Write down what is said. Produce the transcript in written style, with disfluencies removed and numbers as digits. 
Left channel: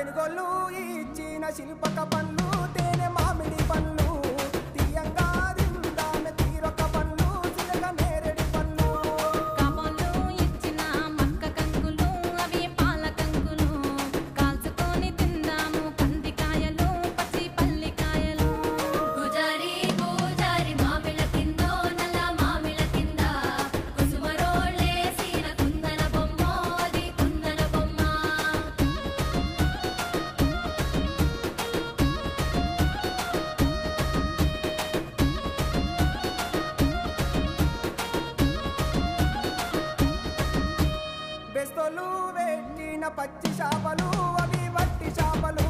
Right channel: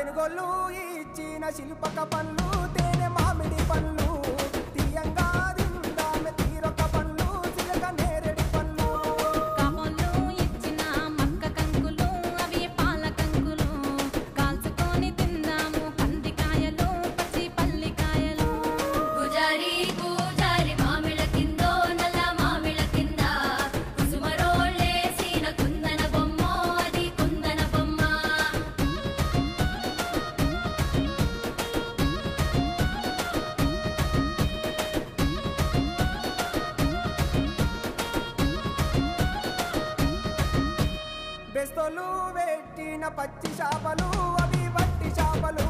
తెనుగోళ్ళు ఇచ్చిన శిల్పక పండ్లు తేనె మామిడి పండ్లు తీయంగా దిందామె తీరొక పండ్లు చిలక నేరేడి పండ్లు కాపంలో ఇచ్చిన మక్క కంకులు అవి పాల కంకులు కాల్చుకొని తిందాము కందికాయలు పచ్చి పల్లికాయలు గుజారి గుజారి మామిళ్ళ కిందో నల్ల మామిళ్ళ కింద కుసుమరోళ్ళేసిన కుందన బొమ్మ అది కుందన బొమ్మ బెస్తోలు పెట్టిన పచ్చి చేపలు అవి వట్టి చేపలు